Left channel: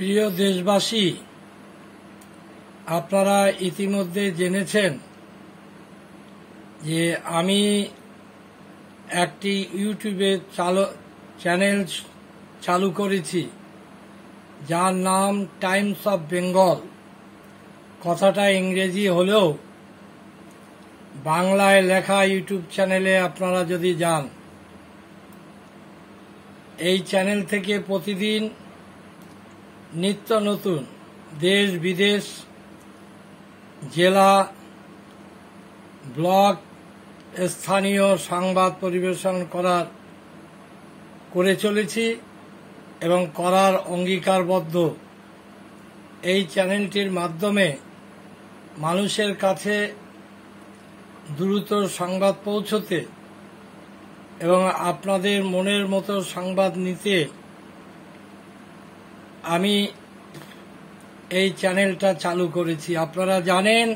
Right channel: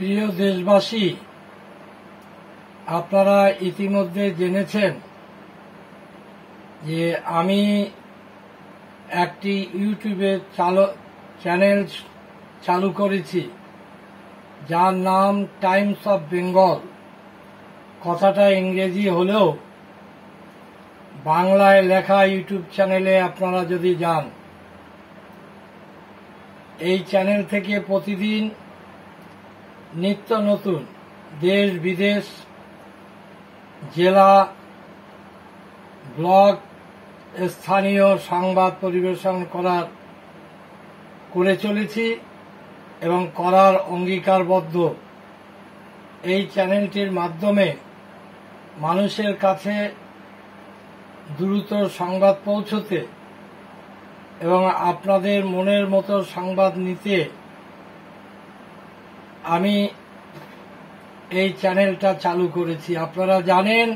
প্রিয় দেশবাসী, আপনারা ইতিমধ্যে জেনেছেন যে আমি একটি ইউটিউবে চ্যানেল চালু করেছি যার নাম টাইমস অফ বেঙ্গল। কথাটা ইংরেজি হলেও বাংলায় লেখা ইউটিউব চ্যানেলে আপনারা যদি যান, এই চ্যানেল থেকে প্রতিদিন নিত্য নতুন দেশ বিদেশ, জেলা, ব্লক, স্থানীয় সংবাদ পরিবেশন করে চলেছি এবং করার অঙ্গীকারবদ্ধ। এই চ্যানেলটির মাধ্যমে মানুষের কাছে দ্রুত সংবাদ পৌঁছতে এবং আপনাদের মনের মতো সংবাদ নিতে আমি এই চ্যানেলটা চালু করেছি। আপনারা জানেন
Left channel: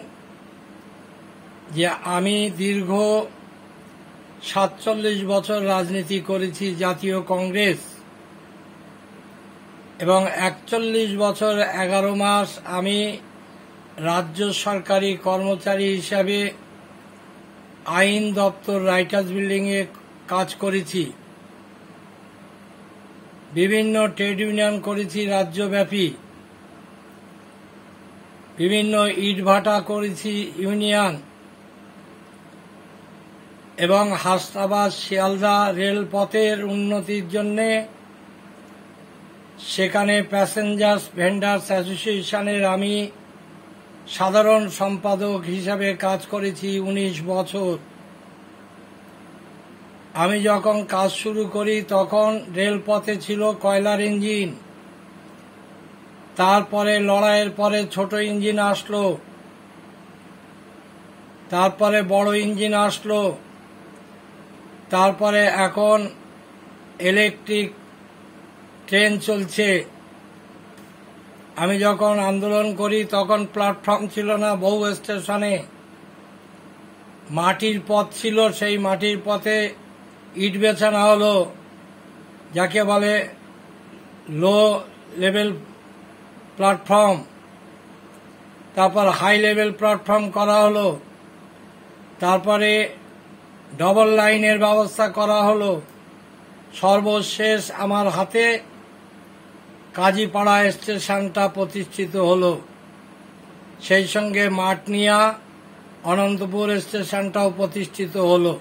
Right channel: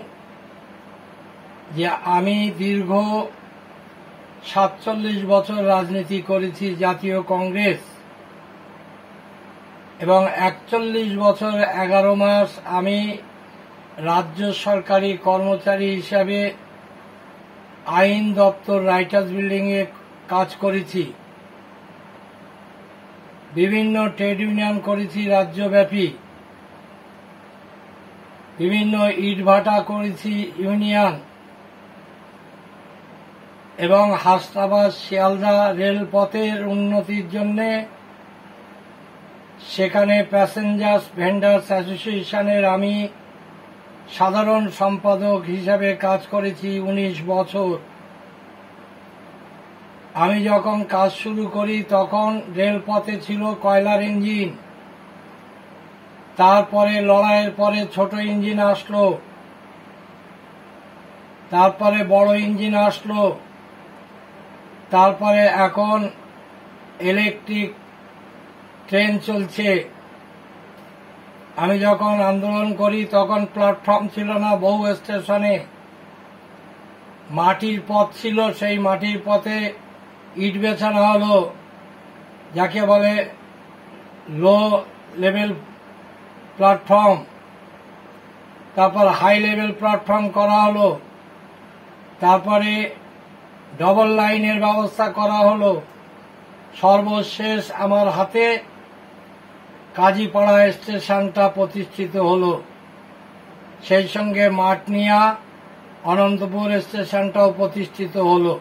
যে আমি দীর্ঘ ৪৭ বছর রাজনীতি করেছি জাতীয় কংগ্রেস, এবং ৪১ বছর ১১ মাস আমি রাজ্য সরকারি কর্মচারী হিসাবে আইন দপ্তর রাইটার্স বিল্ডিংয়ে কাজ করেছি। বিভিন্ন ট্রেড ইউনিয়ন করেছি রাজ্যব্যাপী, বিভিন্ন ইটভাটা করেছি ইউনিয়ন, এবং হাসনাবাদ শিয়ালদা রেলপথের উন্নতির জন্য সেখানে প্যাসেঞ্জার্স ভেন্ডার্স অ্যাসোসিয়েশনের আমি সাধারণ সম্পাদক হিসাবে কাজ করেছি ১৯ বছর। আমি যখন কাজ শুরু করি তখন রেলপথে ছিল কয়লার ইঞ্জিন, তারপরে লড়াইয়ের পরে ছোট ইঞ্জিন আসলো, তারপরে বড় ইঞ্জিন আসলো, তারপরে এখন ইলেকট্রিক ট্রেন চলছে। আমি যখন আন্দোলন করি তখন প্ল্যাটফর্ম ছিল না, বহু স্টেশনে মাটির পথ ছিল, সেই মাটির পথে ইট বেছানো হলো, যাকে বলে লো লেভেল প্ল্যাটফর্ম। তারপর হাই লেভেল প্ল্যাটফর্ম করা হলো, তারপরে ডবল লাইনের ব্যবস্থা করা হলো। সর্বশেষ আমার হাতে কাজীপাড়া স্টেশনটা প্রতিষ্ঠিত হলো, সেই সঙ্গে মাটনিয়া অনন্তপুর স্টেশনটাও প্রতিষ্ঠিত হলো।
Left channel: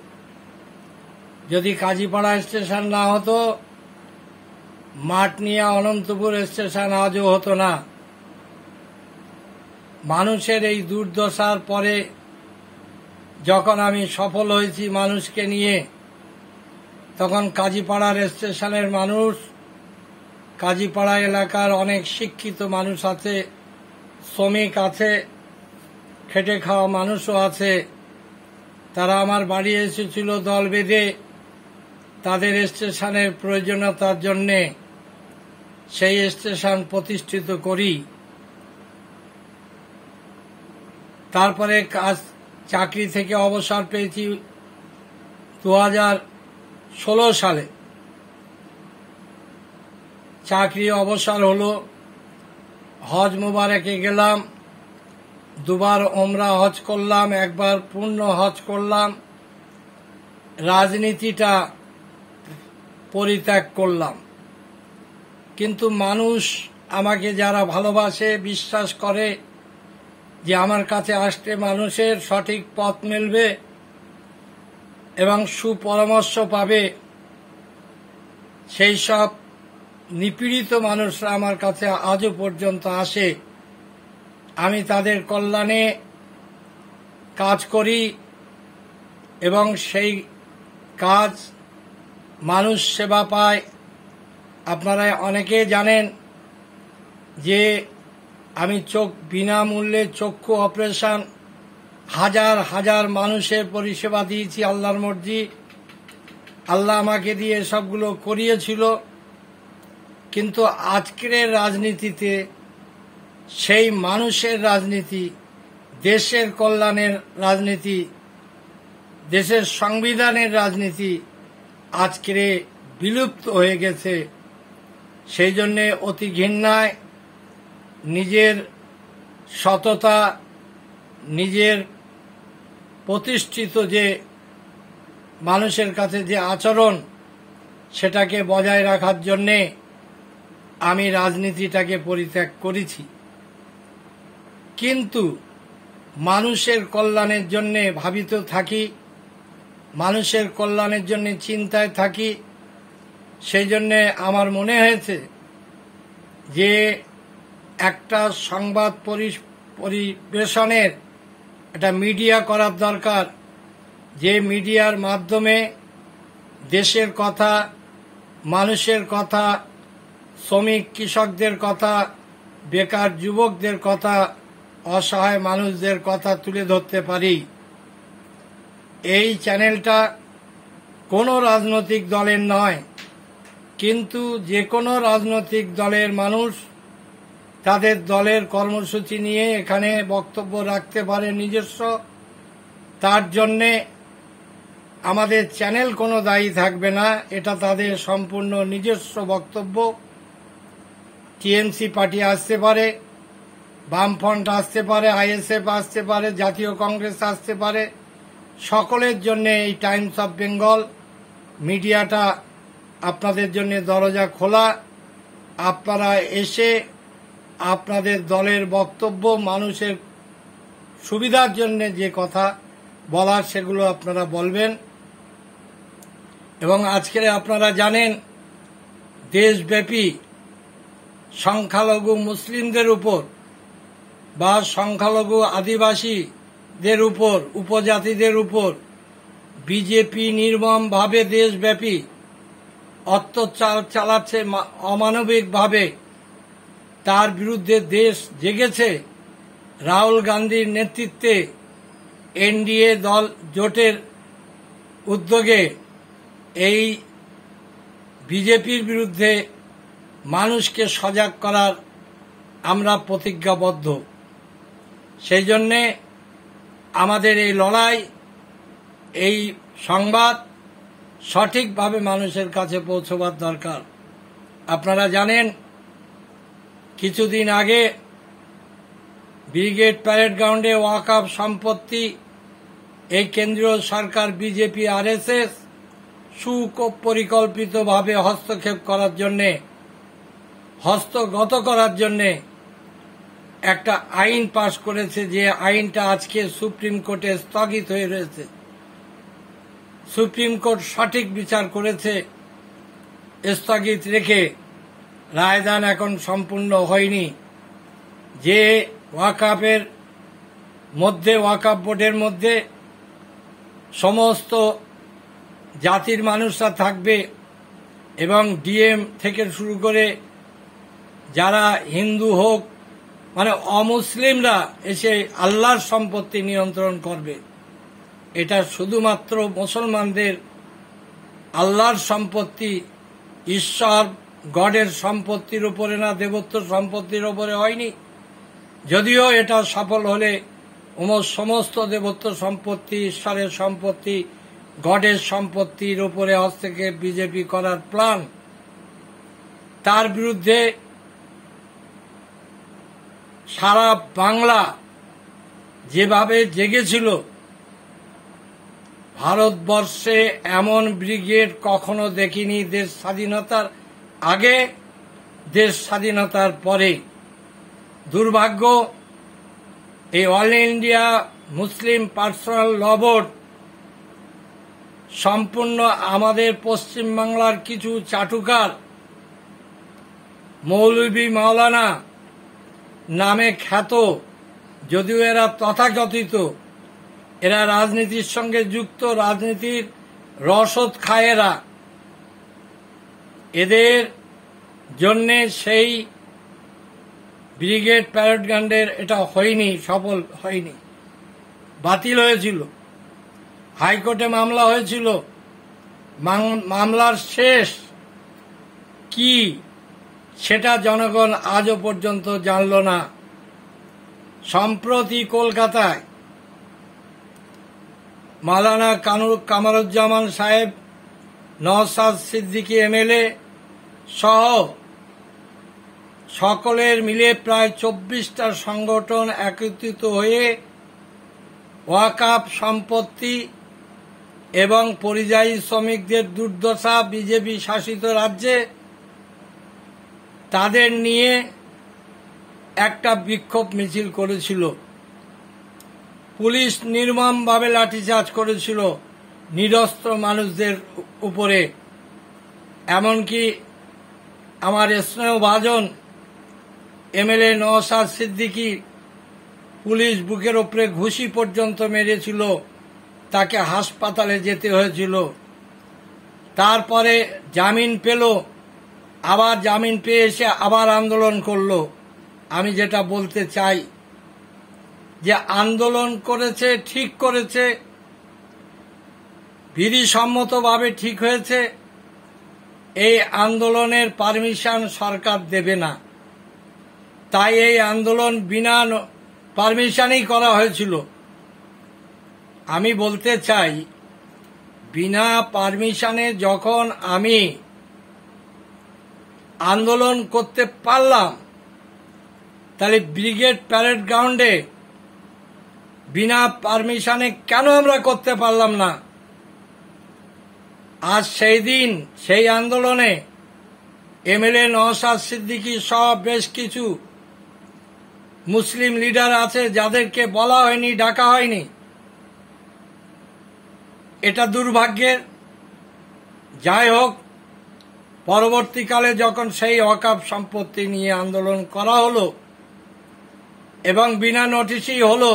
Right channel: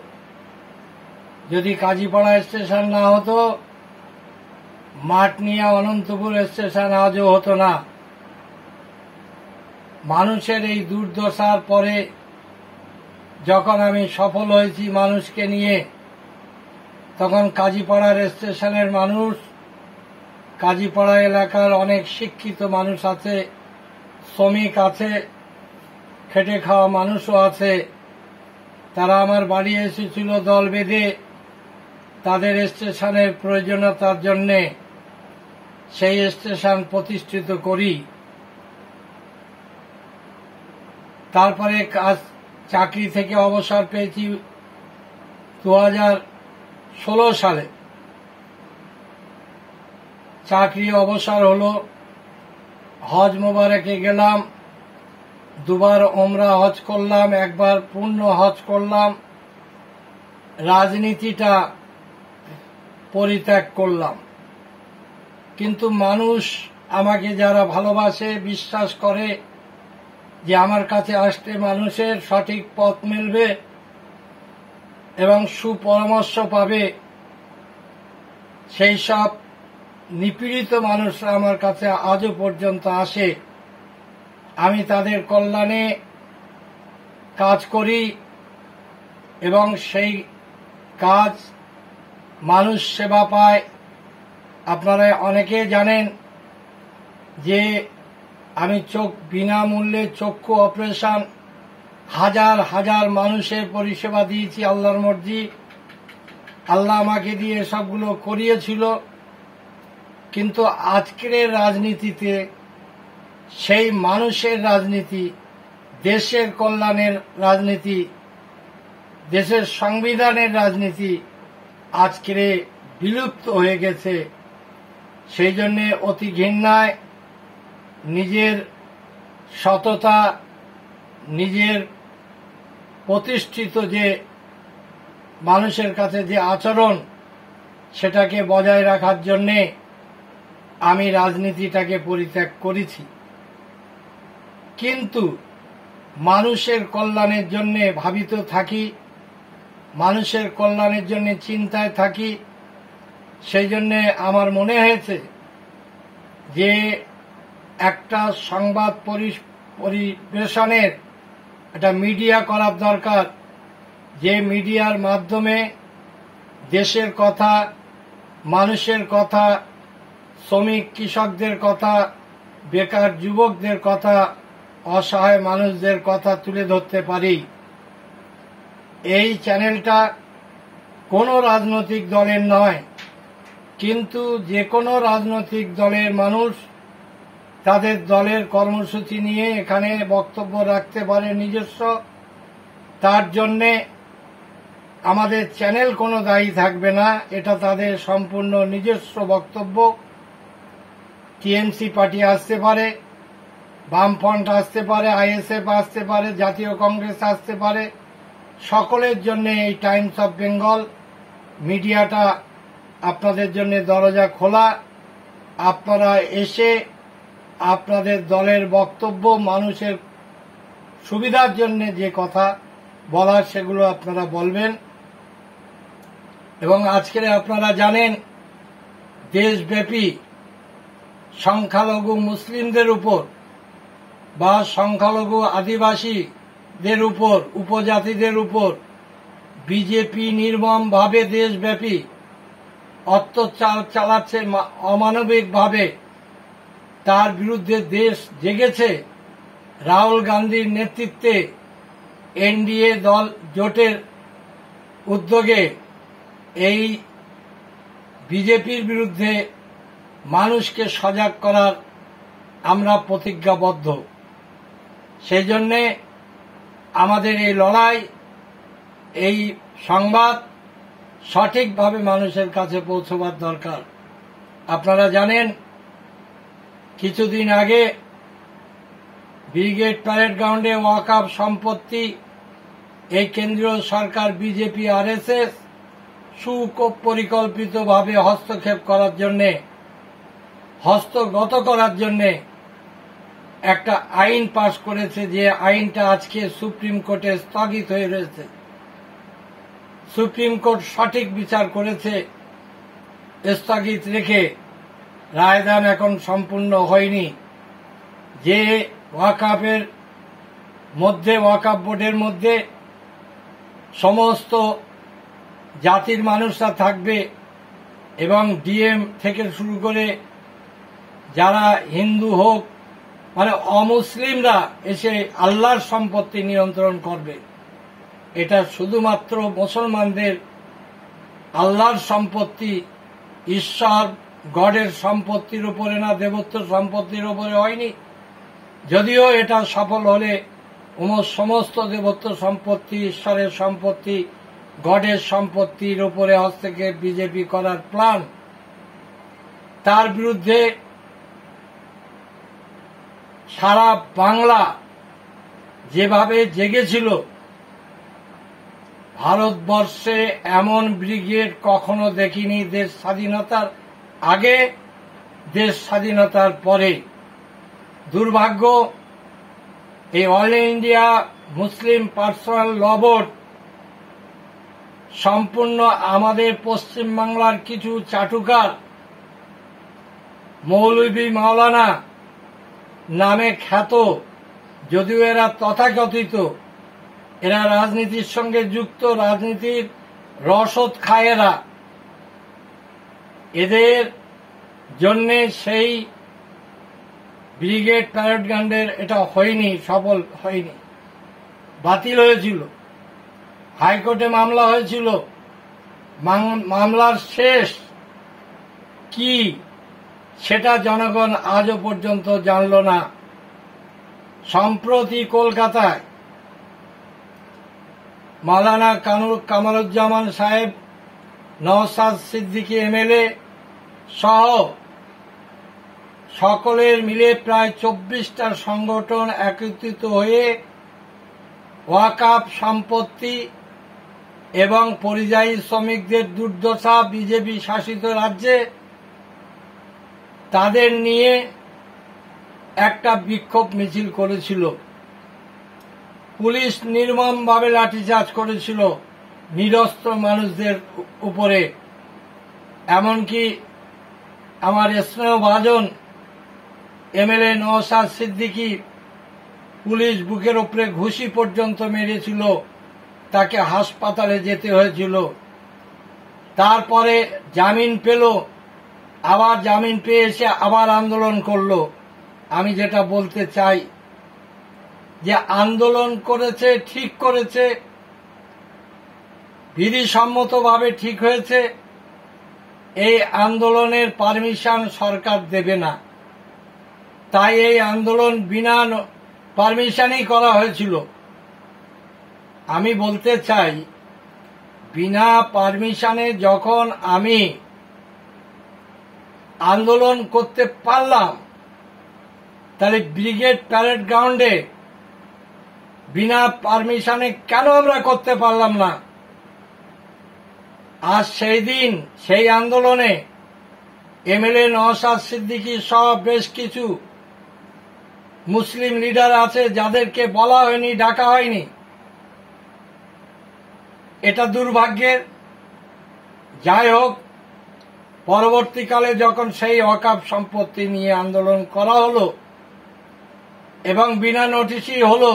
যদি কাজীপাড়া স্টেশন না হতো, মাটনিয়া অনন্তপুর স্টেশন আজও হতো না। মানুষের এই দুর্দশার পরে যখন আমি সফল হয়েছি মানুষকে নিয়ে, তখন কাজীপাড়ার স্টেশনের মানুষ, কাজীপাড়া এলাকার অনেক শিক্ষিত মানুষ আছে, শ্রমিক আছে, খেটে খাওয়া মানুষও আছে, তারা আমার বাড়ি এসেছিল দল বেঁধে তাদের স্টেশনের প্রয়োজনীয়তার জন্যে। সেই স্টেশন প্রতিষ্ঠিত করি। তারপরে চাকরি থেকে অবসর পেয়েছি ২০১৬ সালে। চাকরি অবসর হলো, হজ মোবারকে গেলাম, দুবার ওমরা হজ করলাম, একবার পূর্ণ হজ করলাম, রাজনীতিটা পরিত্যাগ করলাম। কিন্তু মানুষ আমাকে যারা ভালোবাসে, বিশ্বাস করে যে আমার কাছে আসতে মানুষের সঠিক পথ মিলবে এবং সুপরামর্শ পাবে, সেই সব নিপীড়িত মানুষরা আমার কাছে আজও পর্যন্ত আসে। আমি তাদের কল্যাণে কাজ করি এবং সেই কাজ মানুষ সেবা পায়। আপনারা অনেকে জানেন যে আমি বিনামূল্যে চক্ষু অপারেশন হাজার হাজার মানুষের পরিষেবা দিয়েছি। আল্লাহর মর্জি, আল্লাহ আমাকে দিয়ে সবগুলো করিয়েছিল। কিন্তু আজকের রাজনীতিতে সেই মানুষের রাজনীতি, দেশের কল্যাণের রাজনীতি, দেশের সংবিধানের রাজনীতি আজকের বিলুপ্ত হয়ে গেছে। সেই জন্য অতি ঘৃণায় নিজের সততা, নিজের প্রতিষ্ঠিত যে মানুষের কাছে যে আচরণ, সেটাকে বজায় রাখার জন্যে আমি রাজনীতিটাকে পরিত্যাগ করেছি। কিন্তু মানুষের কল্যাণের জন্য ভাবিত থাকি, মানুষের কল্যাণের জন্য চিন্তায় থাকি। সেই জন্যে আমার মনে হয়েছে যে একটা সংবাদ পরিবেশনের একটা মিডিয়া করার দরকার, যে মিডিয়ার মাধ্যমে দেশের কথা, মানুষের কথা, শ্রমিক কৃষকদের কথা, বেকার যুবকদের কথা, অসহায় মানুষদের কথা তুলে ধরতে পারি। এই চ্যানেলটা কোনো রাজনৈতিক দলের নয়, কিন্তু যে কোনো রাজনৈতিক দলের মানুষ তাদের দলের কর্মসূচি নিয়ে এখানে বক্তব্য রাখতে পারে নিজস্ব। তার জন্যে আমাদের চ্যানেল কোনো দায়ী থাকবে না, এটা তাদের সম্পূর্ণ নিজস্ব বক্তব্য। টিএমসি পার্টি আসতে পারে, বামফ্রন্ট আসতে পারে, আইএসএফ আসতে পারে, জাতীয় কংগ্রেস আসতে পারে, সকলের জন্য এই টাইমস অফ বেঙ্গল মিডিয়াটা আপনাদের জন্য দরজা খোলা। আপনারা এসে আপনাদের দলের বক্তব্য, মানুষের সুবিধার জন্য যে কথা বলার সেগুলো আপনারা বলবেন। এবং আজকে আপনারা জানেন দেশব্যাপী সংখ্যালঘু মুসলিমদের উপর বা সংখ্যালঘু আদিবাসীদের উপর, উপজাতিদের উপর বিজেপি নির্মমভাবে দেশব্যাপী অত্যাচার চালাচ্ছে অমানবিকভাবে। তার বিরুদ্ধে দেশ জেগেছে। রাহুল গান্ধীর নেতৃত্বে এনডিএ দল জোটের উদ্যোগে এই বিজেপির বিরুদ্ধে মানুষকে সজাগ করার আমরা প্রতিজ্ঞাবদ্ধ। সেই জন্যে আমাদের এই লড়াই, এই সংবাদ সঠিকভাবে মানুষের কাছে পৌঁছবার দরকার। আপনারা জানেন কিছুদিন আগে ব্রিগেড প্যারেড গ্রাউন্ডে ওয়াকফ সম্পত্তি এই কেন্দ্রীয় সরকার বিজেপি আরএসএস সুপরিকল্পিতভাবে হস্তক্ষেপ করার জন্যে, হস্তগত করার জন্যে একটা আইন পাশ করেছে, যে আইনটা আজকে সুপ্রিম কোর্টে স্থগিত হয়ে রয়েছে। সুপ্রিম কোর্ট সঠিক বিচার করেছে, স্থগিত রেখে রায়দান এখন সম্পূর্ণ হয়নি। যে ওয়াকফের মধ্যে, ওয়াকফ বোর্ডের মধ্যে সমস্ত জাতির মানুষরা থাকবে এবং ডিএম থেকে শুরু করে যারা হিন্দু হোক, মানে অমুসলিমরা এসে আল্লাহর সম্পত্তি নিয়ন্ত্রণ করবে। এটা শুধুমাত্র মুসলমানদের আল্লাহর সম্পত্তি, ঈশ্বর গডের সম্পত্তির উপরে না, দেবত্ব সম্পত্তির উপরে হয়নি। যদিও এটা সফল হলে সমস্ত দেবত্ব সম্পত্তি, ঈশ্বরের সম্পত্তি, গডের সম্পত্তির উপরে হস্তক্ষেপ বিজেপি করার প্ল্যান। তার বিরুদ্ধে সারা বাংলা যেভাবে জেগেছিল, ভারতবর্ষে এমন ব্রিগেড কখনো দেখিনি, দেশ স্বাধীনতার আগে, দেশ স্বাধীনতার পরে। দুর্ভাগ্য, এই অল ইন্ডিয়া মুসলিম পার্সোনাল ল বোর্ড সম্পূর্ণ আমাদের পশ্চিমবাংলার কিছু চাটুকার, মৌলভী মাওলানা নামে খ্যাত, যদিও এরা তথাকথিত, এরা রাজনীতির সঙ্গে যুক্ত, রাজনীতির রসদ খায় এরা। এদের জন্যে সেই ব্রিগেড প্যারেড গ্রাউন্ডের এটা হয়নি, সফল হয়নি, বাতিল হয়েছিল। হাইকোর্টে মামলা হয়েছিল, মামলার শেষ কি সেটা জনগণ আজও পর্যন্ত জানল না। সম্প্রতি কলকাতায় মাওলানা কামারুজ্জামান সাহেব, নওশাদ সিদ্দিকী এমএলএ সহ সকলের মিলে প্রায় 24টা সংগঠন একত্রিত হয়ে ওয়াকফ সম্পত্তি এবং পরিযায়ী শ্রমিকদের দুর্দশা বিজেপি শাসিত রাজ্যে তাদের নিয়ে একটা বিক্ষোভ মিছিল করেছিল। পুলিশ নির্মমভাবে লাঠিচার্জ করেছিল নিরস্ত্র মানুষদের উপরে। এমনকি আমার স্নেহভাজন এমএলএ নওশাদ সিদ্দিকী পুলিশ বুকের উপরে ঘুষি পর্যন্ত মেরেছিল, তাকে হাসপাতালে যেতে হয়েছিল। তারপরে জামিন পেল, আবার জামিন পেয়ে এসে আবার আন্দোলন করলো। আমি যেটা বলতে চাই যে আন্দোলন করেছে, ঠিক করেছে, বিধিসম্মতভাবে ঠিক হয়েছে। এই আন্দোলনের পারমিশন সরকার দেবে না, তাই এই আন্দোলন বিনা পারমিশনই করা হয়েছিল। আমি বলতে চাই, বিনা পারমিশনে যখন আমি আন্দোলন করতে পারলাম, তাহলে ব্রিগেড প্যারেড গ্রাউন্ডে বিনা পারমিশনে কেন আমরা করতে পারলাম না? আজ সেই দিন, সেই আন্দোলনে এমএলএ নওশাদ সিদ্দিকী সহ বেশ কিছু মুসলিম লিডার আছে যাদেরকে বলা হয়নি, ডাকা হয়নি। এটা দুর্ভাগ্যের। যাই হোক, পরবর্তীকালে যখন সেই ওয়াকফ সম্পত্তি নিয়ে আন্দোলন করা হলো এবং বিনা নোটিশই হলো,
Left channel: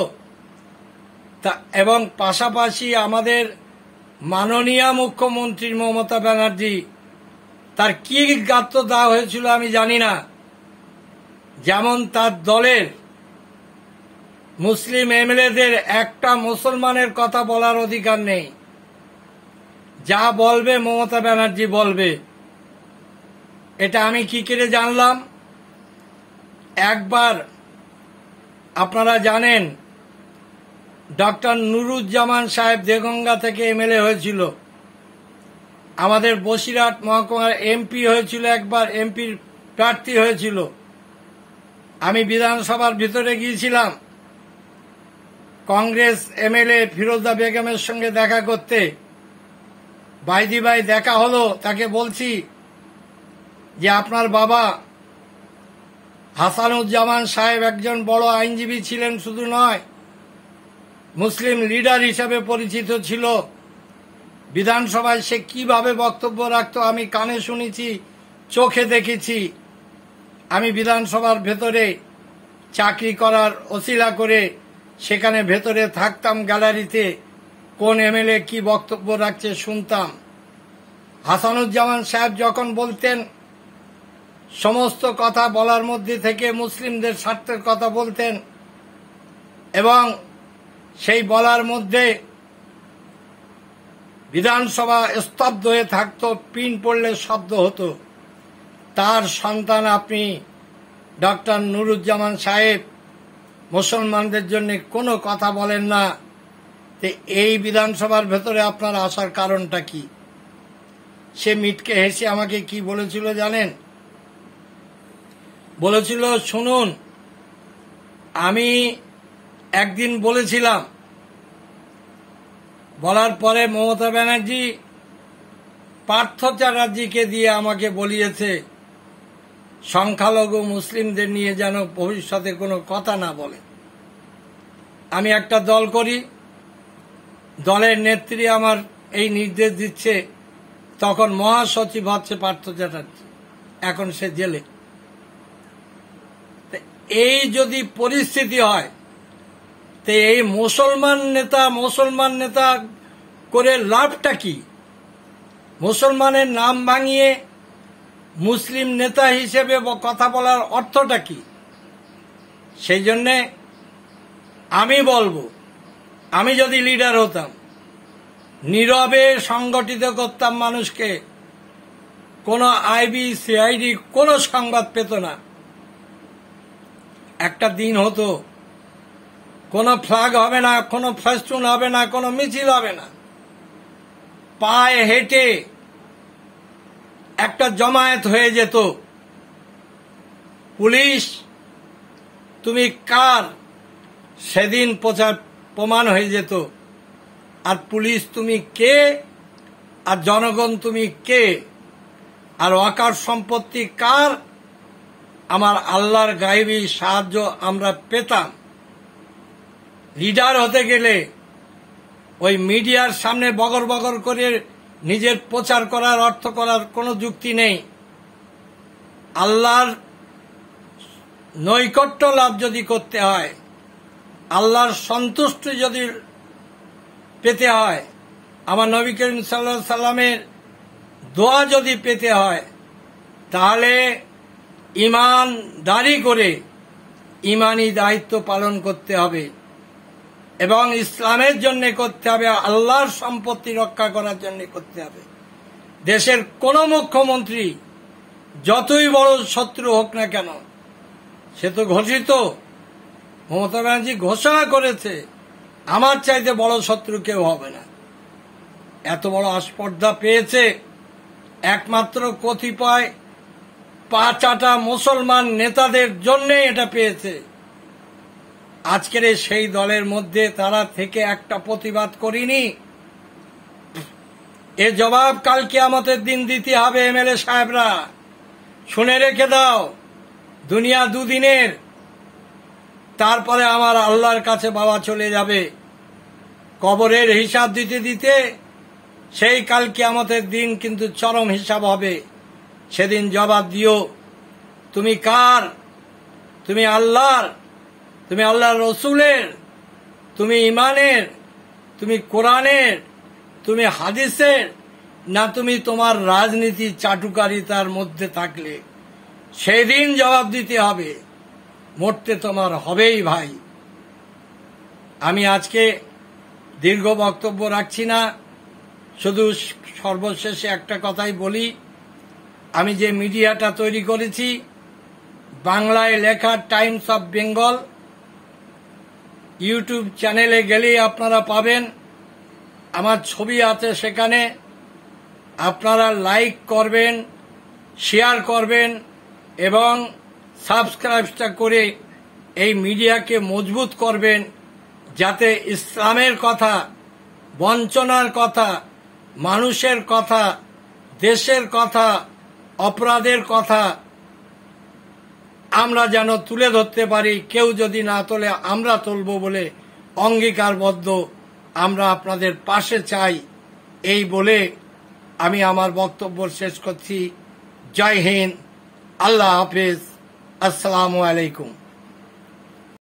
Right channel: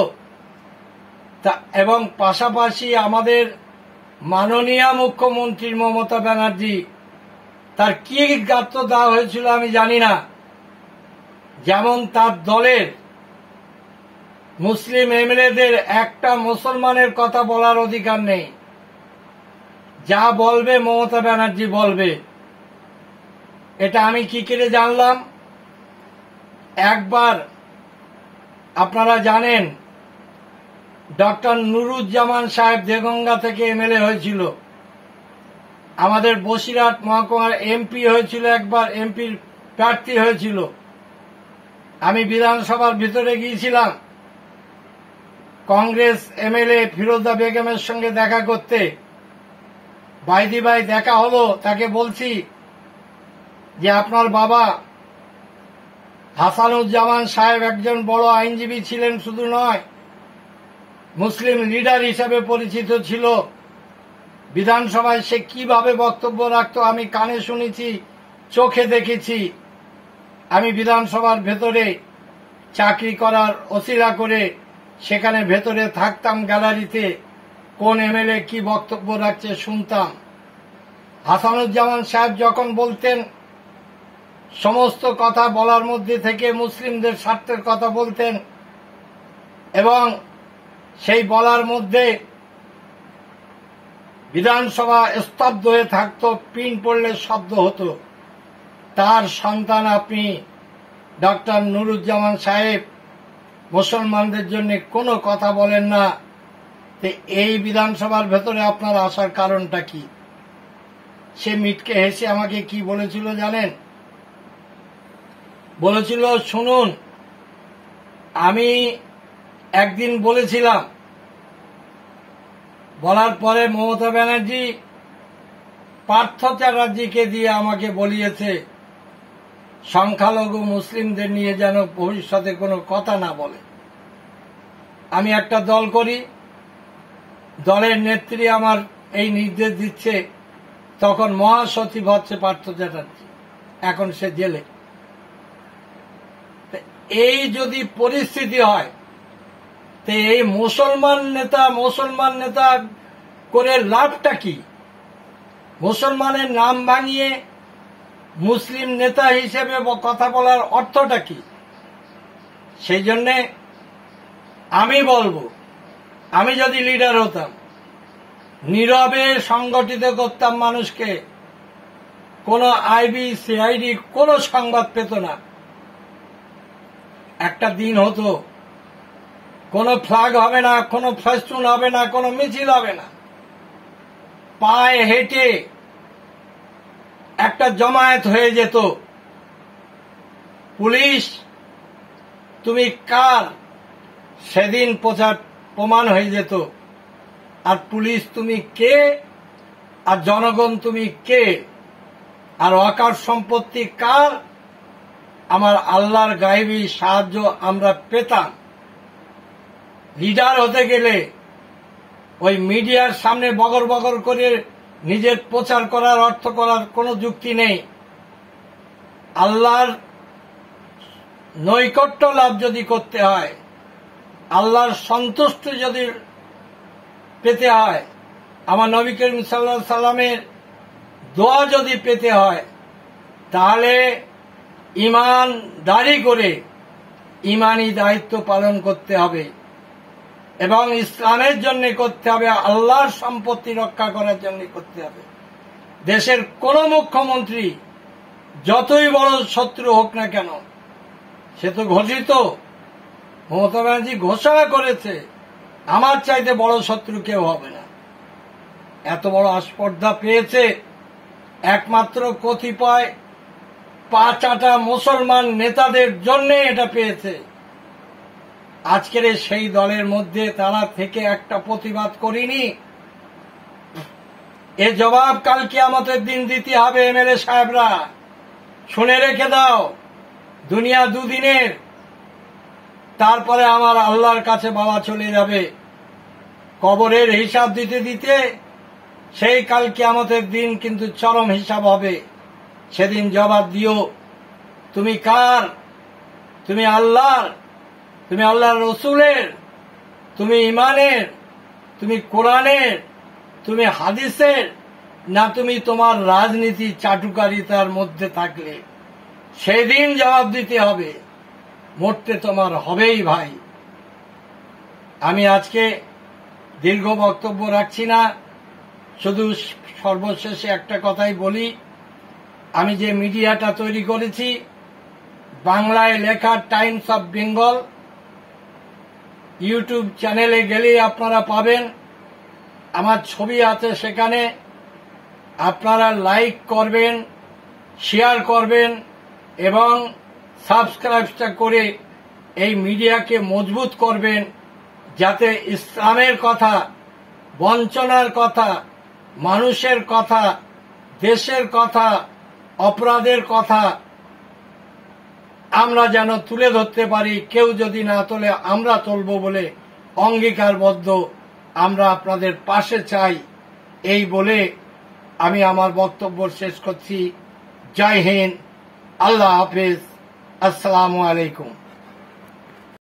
এবং পাশাপাশি আমাদের মাননীয় মুখ্যমন্ত্রী মমতা ব্যানার্জি, তার কি গাত্র দেওয়া হয়েছিল আমি জানি না। যেমন তার দলের মুসলিম এমএলএদের একটা মুসলমানের কথা বলার অধিকার নেই, যা বলবে মমতা ব্যানার্জি বলবে। এটা আমি কি করে জানলাম? একবার আপনারা জানেন, ডক্টর নুরুজ্জামান সাহেব দেগঙ্গা থেকে এমএলএ হয়েছিল, আমাদের বসিরহাট মহকুমার এমপি হয়েছিল, একবার এমপির প্রার্থী হয়েছিল। আমি বিধানসভার ভিতরে গিয়েছিলাম কংগ্রেস এমএলএ ফিরোজা বেগমের সঙ্গে দেখা করতে। বাইদি ভাই দেখা হলো, তাকে বলছি যে আপনার বাবা হাসানুজ্জামান সাহেব একজন বড় আইনজীবী ছিলেন, শুধু নয় মুসলিম লিডার হিসেবে পরিচিত ছিল। বিধানসভায় সে কিভাবে বক্তব্য রাখত আমি কানে শুনেছি, চোখে দেখেছি। আমি বিধানসভার ভেতরে চাকরি করার ওসিলা করে সেখানে ভেতরে থাকতাম, গ্যালারিতে কোন এমএলএ কি বক্তব্য রাখছে শুনতাম। হাসানুজ্জামান সাহেব যখন বলতেন, সমস্ত কথা বলার মধ্যে থেকে মুসলিমদের স্বার্থের কথা বলতেন, এবং সেই বলার মধ্যে বিধানসভা স্তব্ধ হয়ে থাকত, পিন পড়লে শব্দ হতো। তার সন্তান আপনি ডক্টর নুরুজ্জামান সাহেব মুসলমানদের জন্য কোনো কথা বলেন না, এই বিধানসভার ভেতরে আপনার আসার কারণটা কি? সে মিটকে হেসে আমাকে কি বলেছিল জানেন? বলেছিল, শুনুন, আমি একদিন বলেছিলাম, বলার পরে মমতা ব্যানার্জি পার্থ চ্যাটার্জিকে দিয়ে আমাকে বলিয়েছে সংখ্যালঘু মুসলিমদের নিয়ে যেন ভবিষ্যতে কোনো কথা না বলে। আমি একটা দল করি, দলের নেত্রী আমার এই নির্দেশ দিচ্ছে, তখন মহাসচিব হচ্ছে পার্থ চ্যাটার্জি, এখন সে জেলে। এই যদি পরিস্থিতি হয়, তো এই মুসলমান নেতা করে লাভটা কি? মুসলমানের নাম ভাঙিয়ে মুসলিম নেতা হিসেবে কথা বলার অর্থটা কি? সেই জন্যে আমি বলবো, আমি যদি লিডার হতাম, নীরবে সংগঠিত করতাম মানুষকে, কোনো আইবি সিআইডি কোনো সংবাদ পেত না। একটা দিন হতো, কোনো ফ্ল্যাগ হবে না, কোনো ফেস্টুন হবে না, কোনো মিছিল হবে না, পায়ে হেঁটে একটা জমায়েত হয়ে যেত। পুলিশ তুমি কার সেদিন প্রমাণ হয়ে যেত। আর পুলিশ তুমি কে, আর জনগণ তুমি কে, আর অকার সম্পত্তি কার, আমার আল্লাহর গায়েবী সাহায্য আমরা পেতাম। লিডার হতে গেলে ওই মিডিয়ার সামনে বগর বগর করে নিজের প্রচার করার, অর্থ করার কোনো যুক্তি নেই। আল্লাহর নৈকট্য লাভ যদি করতে হয়, আল্লাহর সন্তুষ্টি যদি পেতে হয়, আমার নবী করিম সাল্লাল্লাহু আলাইহি সাল্লামের দোয়া যদি পেতে হয়, তাহলে ঈমানদারি করে ঈমানি দায়িত্ব পালন করতে হবে এবং ইসলামের জন্য করতে হবে, আল্লাহর সম্পত্তি রক্ষা করার জন্য করতে হবে। দেশের কোন মুখ্যমন্ত্রী যতই বড় শত্রু হোক না কেন, সে তো ঘোষিত, মমতা ব্যানার্জি ঘোষণা করেছে আমার চাইতে বড় শত্রু কেউ হবে না। এত বড় আস্পর্ধা পেয়েছে একমাত্র কতিপয় পাঁচাটা মুসলমান নেতাদের জন্য এটা পেয়েছে। আজকের সেই দলের মধ্যে তারা থেকে একটা প্রতিবাদ করিনি। এর জবাব কাল কিয়ামতের দিন দিতে হবে। এমএলএ সাহেবরা শুনে রেখে দাও, দুনিয়া দুদিনের, তারপরে আমার আল্লাহর কাছে বাবা চলে যাবে। কবরের হিসাব দিতে দিতে সেই কাল কিয়ামতের দিন কিন্তু চরম হিসাব হবে। সেদিন জবাব দিও, তুমি কার? তুমি আল্লাহর, তুমি আল্লাহর রসুলের, তুমি ইমানের, তুমি কোরআনের, তুমি হাদিসের, না তুমি তোমার রাজনীতি চাটুকারিতার মধ্যে থাকলে? সেদিন জবাব দিতে হবে। মরতে তোমার হবেই ভাই। আমি আজকে দীর্ঘ বক্তব্য রাখছি না, শুধু সর্বশেষে একটা কথাই বলি। আমি যে মিডিয়াটা তৈরি করেছি, বাংলায় লেখা টাইমস অফ বেঙ্গল, ইউটিউব চ্যানেলে গেলেই আপনারা পাবেন। আমার ছবি আছে সেখানে। আপনারা লাইক করবেন, শেয়ার করবেন এবং সাবস্ক্রাইবটা করে এই মিডিয়াকে মজবুত করবেন, যাতে ইসলামের কথা, বঞ্চনার কথা, মানুষের কথা, দেশের কথা, অপরাধের কথা আমরা যেন তুলে ধরতে পারি। কেউ যদি না তোলে আমরা তুলব বলে অঙ্গীকারবদ্ধ। আমরা আপনাদের পাশে চাই। এই বলে আমি আমার বক্তব্য শেষ করছি। জয় হিন্দ, আল্লাহ হাফেজ, আসসালামু আলাইকুম।